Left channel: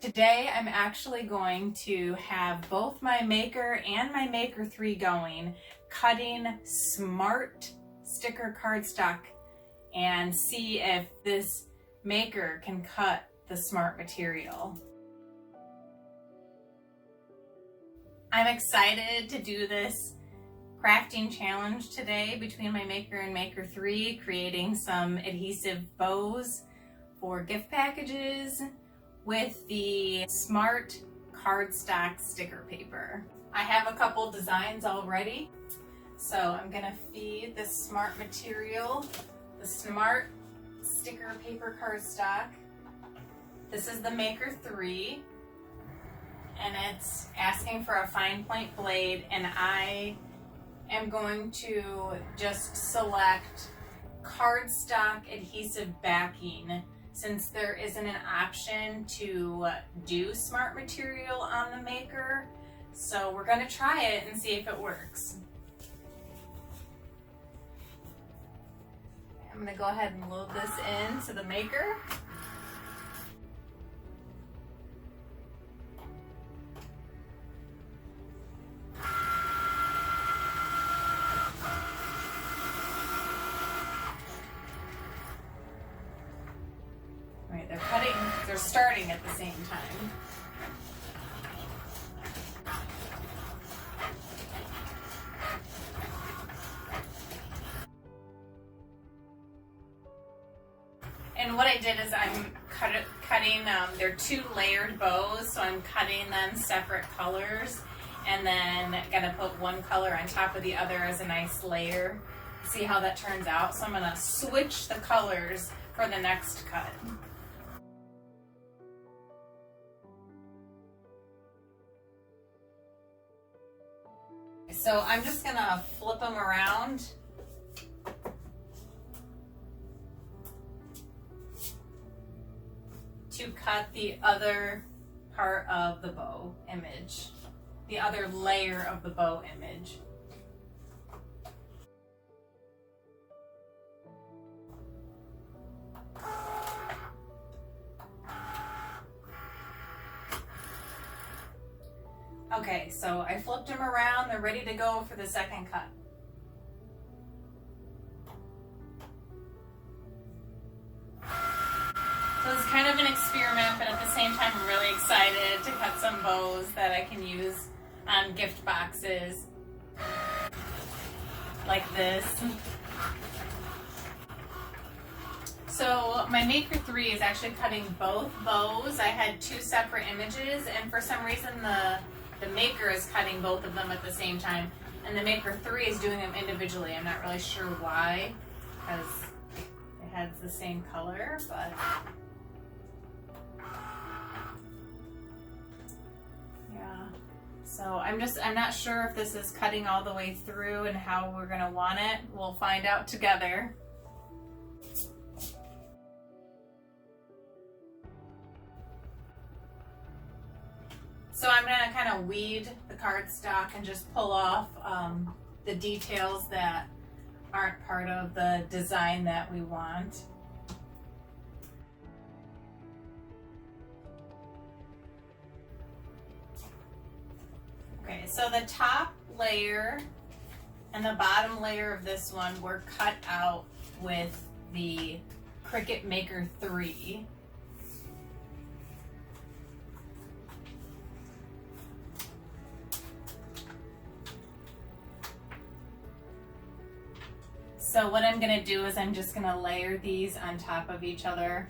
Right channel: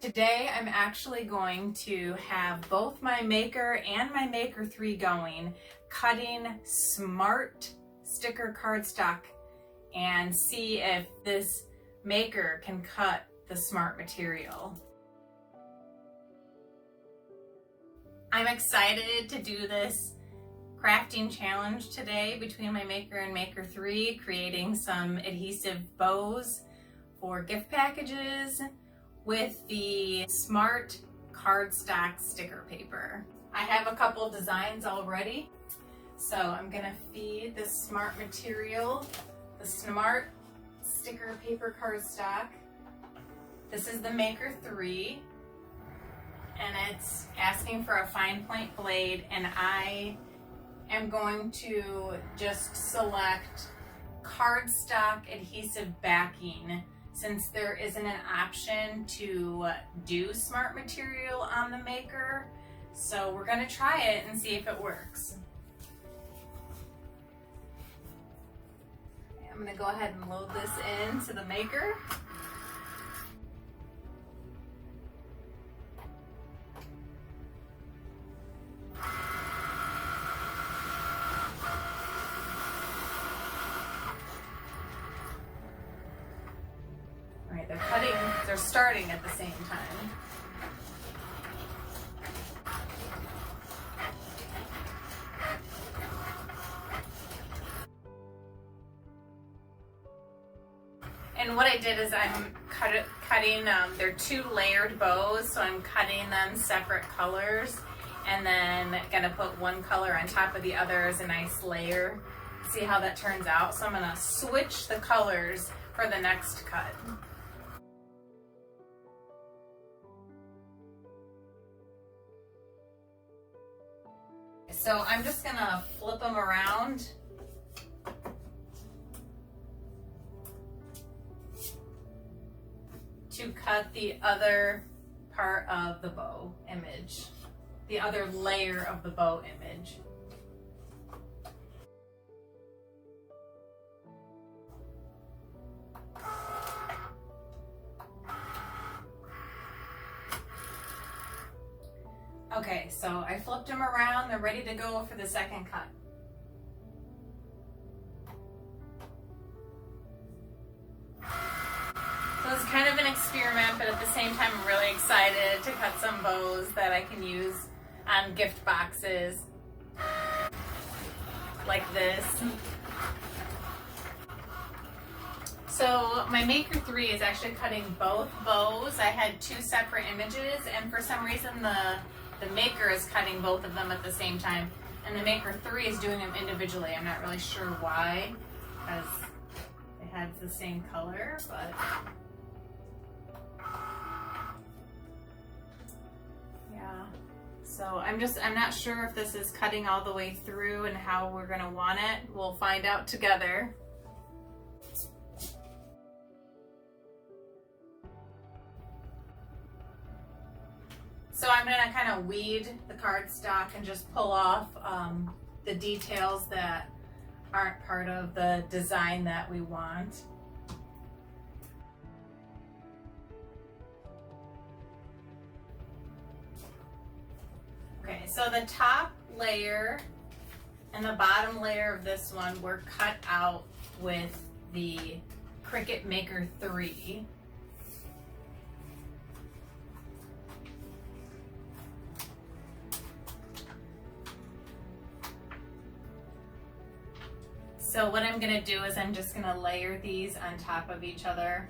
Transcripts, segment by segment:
Today I'm actually going to have both my Maker and my Maker 3 going, cutting smart sticker cardstock, and see if this Maker can cut the smart material. I'm excited to do this crafting challenge today between my Maker and Maker 3, creating some adhesive bows for gift packages with the smart cardstock sticker paper. I have a couple designs already, so I'm gonna feed this smart material, the smart sticker paper cardstock. This is the Maker 3, and it's asking for a fine point blade, and I am going to just select cardstock adhesive backing, since there isn't an option to do smart material on the Maker. So we're gonna try it and see if it works. I'm gonna go ahead and load this into the Maker. Alright, they're starting at the same time. And what I did is I'm cutting, they're 2 layered bows, so I'm cutting them separate colors, and then gonna put one color on top of the other as a nice layer. See how that turns out. So I'm gonna switch the colors for the next cut. So I'm just gonna flip them around. To cut the other part of the bow image, the other layer of the bow image. Okay, so I flipped them around, they're ready to go for the second cut. So it's kind of an experiment, but at the same time I'm really excited to cut some bows that I can use on gift boxes like this. So my Maker 3 is actually cutting both bows. I had 2 separate images, and for some reason the Maker is cutting both of them at the same time, and the Maker 3 is doing them individually. I'm not really sure why, because it has the same color, but yeah. So I'm not sure if this is cutting all the way through and how we're gonna want it. We'll find out together. So I'm gonna kind of weed the cardstock and just pull off the details that aren't part of the design that we want. Okay, so the top layer and the bottom layer of this one were cut out with the Cricut Maker 3. So what I'm gonna do is I'm just gonna layer these on top of each other.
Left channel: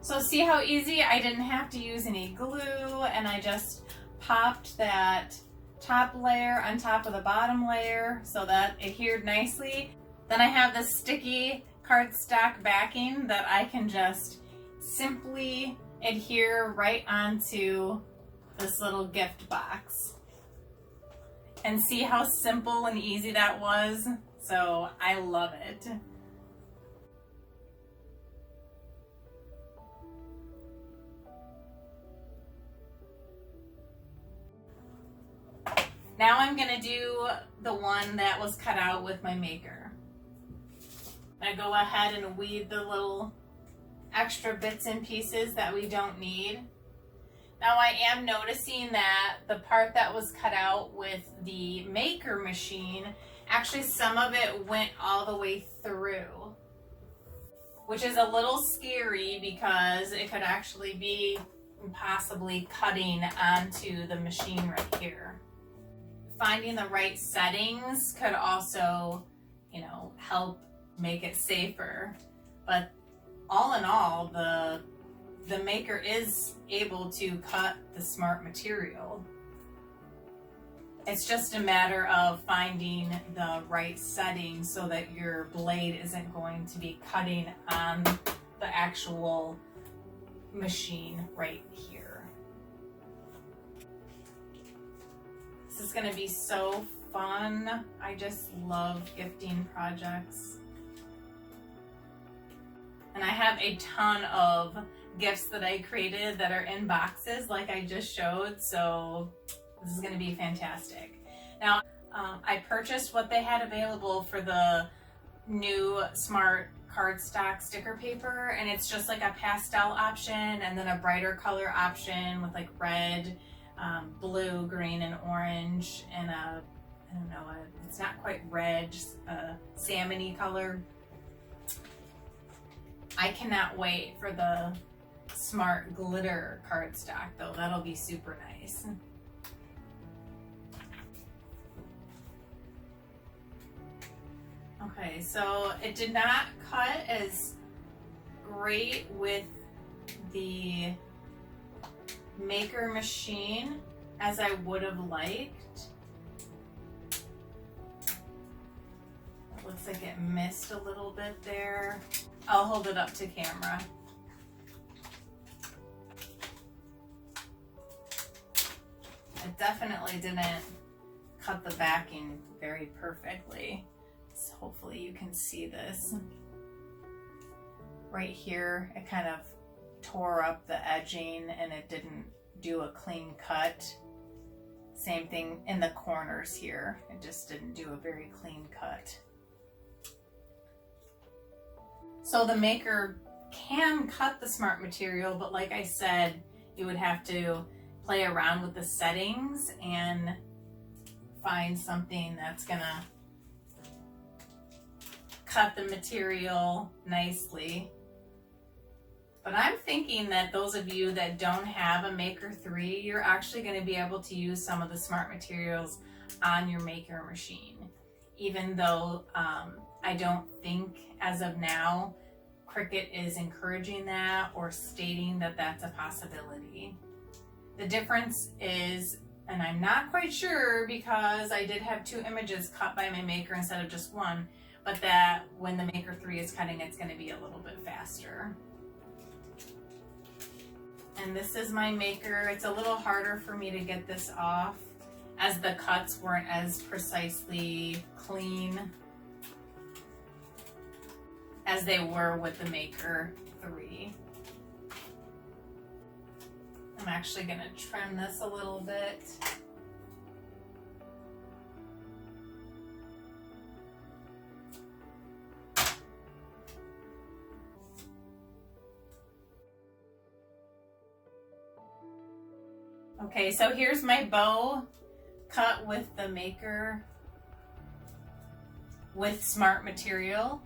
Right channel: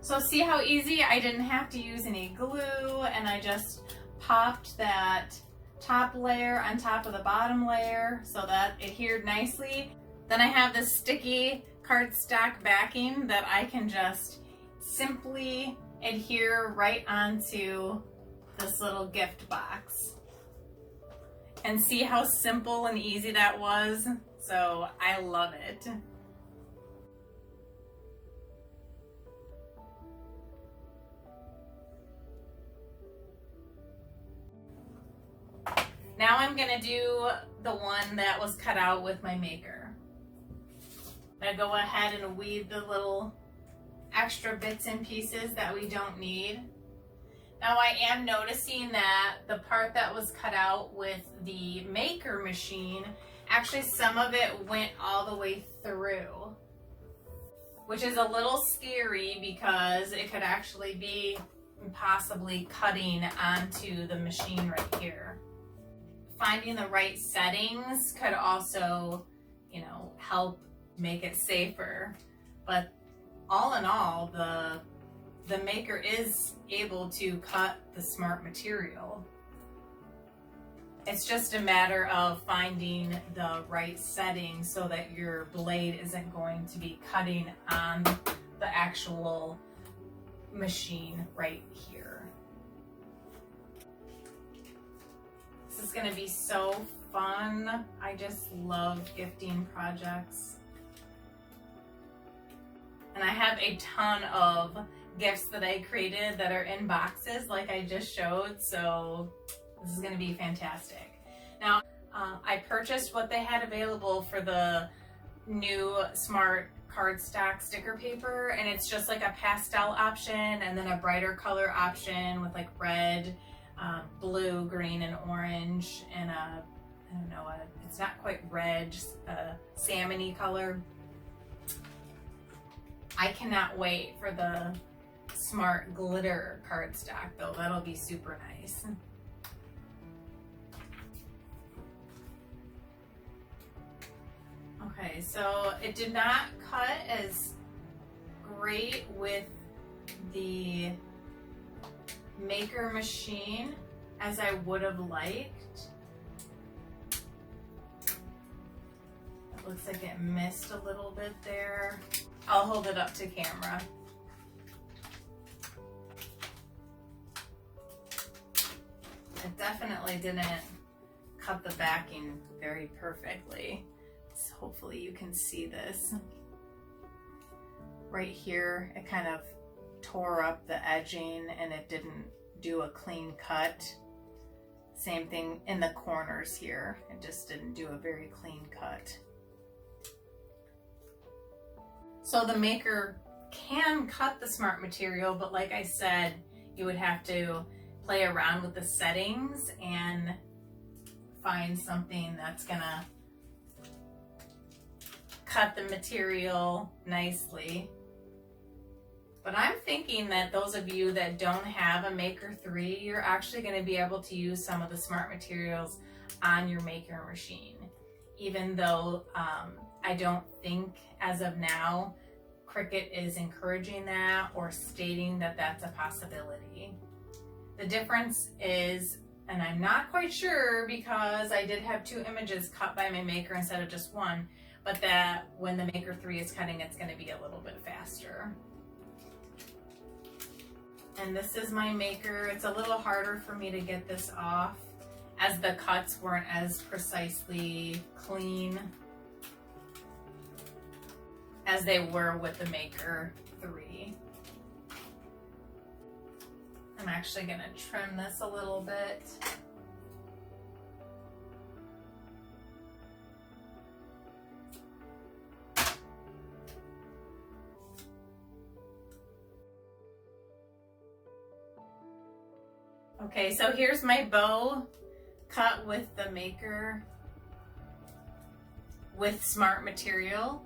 So see how easy? I didn't have to use any glue, and I just popped that top layer on top of the bottom layer so that it adhered nicely. Then I have this sticky cardstock backing that I can just simply adhere right onto this little gift box. And see how simple and easy that was? So I love it. Now I'm gonna do the one that was cut out with my Maker. I go ahead and weed the little extra bits and pieces that we don't need. Now I am noticing that the part that was cut out with the Maker machine, actually some of it went all the way through, which is a little scary because it could actually be possibly cutting onto the machine right here. Finding the right settings could also, help make it safer. But all in all, the Maker is able to cut the smart material. It's just a matter of finding the right setting so that your blade isn't going to be cutting on the actual machine right here. This is going to be so fun. I just love gifting projects. And I have a ton of gifts that I created that are in boxes like I just showed, so this is going to be fantastic. Now, I purchased what they had available for the new Smart Cardstock Sticker Paper, and it's just like a pastel option and then a brighter color option with like red, blue, green, and orange, and it's not quite red, just a salmon-y color. I cannot wait for the Smart Glitter cardstock though. That'll be super nice. Okay, so it did not cut as great with the Maker machine as I would have liked. It looks like it missed a little bit there. I'll hold it up to camera. It definitely didn't cut the backing very perfectly. So hopefully you can see this. Right here, it kind of tore up the edging and it didn't do a clean cut. Same thing in the corners here. It just didn't do a very clean cut. So the Maker can cut the smart material, but like I said, you would have to play around with the settings and find something that's gonna cut the material nicely. But I'm thinking that those of you that don't have a Maker 3, you're actually going to be able to use some of the smart materials on your Maker machine. Even though I don't think as of now Cricut is encouraging that or stating that that's a possibility. The difference is, and I'm not quite sure because I did have 2 images cut by my Maker instead of just 1, but that when the Maker 3 is cutting, it's going to be a little bit faster. And this is my Maker. It's a little harder for me to get this off as the cuts weren't as precisely clean as they were with the Maker 3. I'm actually going to trim this a little bit. Okay, so here's my bow cut with the Maker with smart material.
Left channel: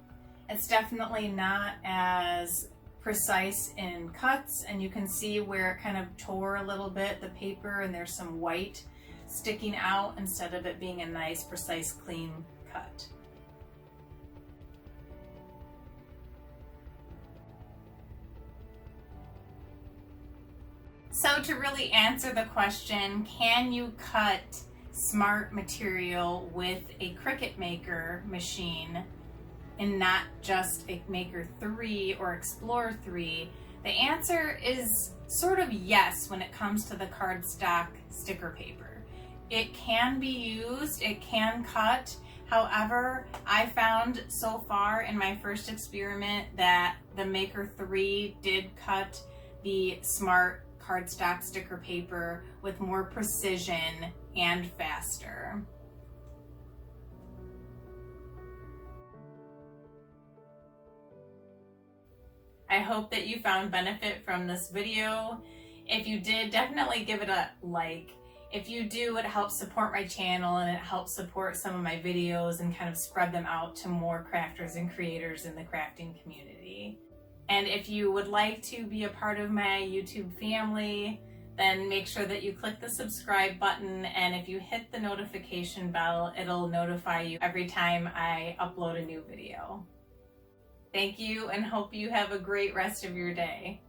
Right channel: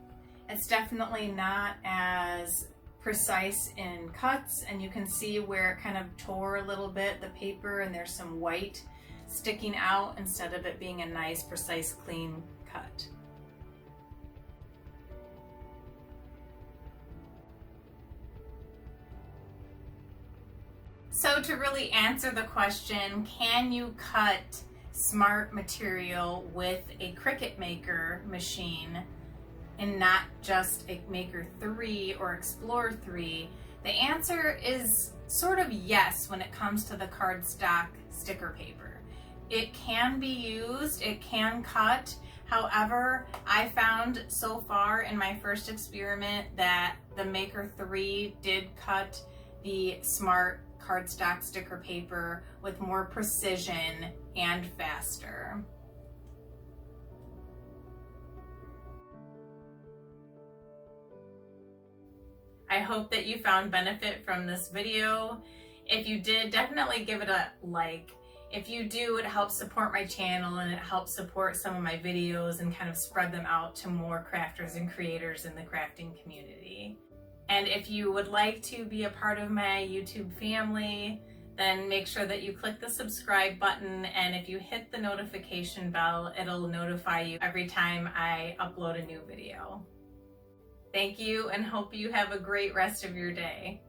It's definitely not as precise in cuts, and you can see where it kind of tore a little bit, the paper, and there's some white sticking out instead of it being a nice, precise, clean cut. So to really answer the question, can you cut smart material with a Cricut Maker machine and not just a Maker 3 or Explorer 3? The answer is sort of yes when it comes to the cardstock sticker paper. It can be used, it can cut. However, I found so far in my first experiment that the Maker 3 did cut the smart cardstock sticker paper with more precision and faster. I hope that you found benefit from this video. If you did, definitely give it a like. If you do, it helps support my channel and it helps support some of my videos and kind of spread them out to more crafters and creators in the crafting community. And if you would like to be a part of my YouTube family, then make sure that you click the subscribe button, and if you hit the notification bell, it'll notify you every time I upload a new video. Thank you, and hope you have a great rest of your day.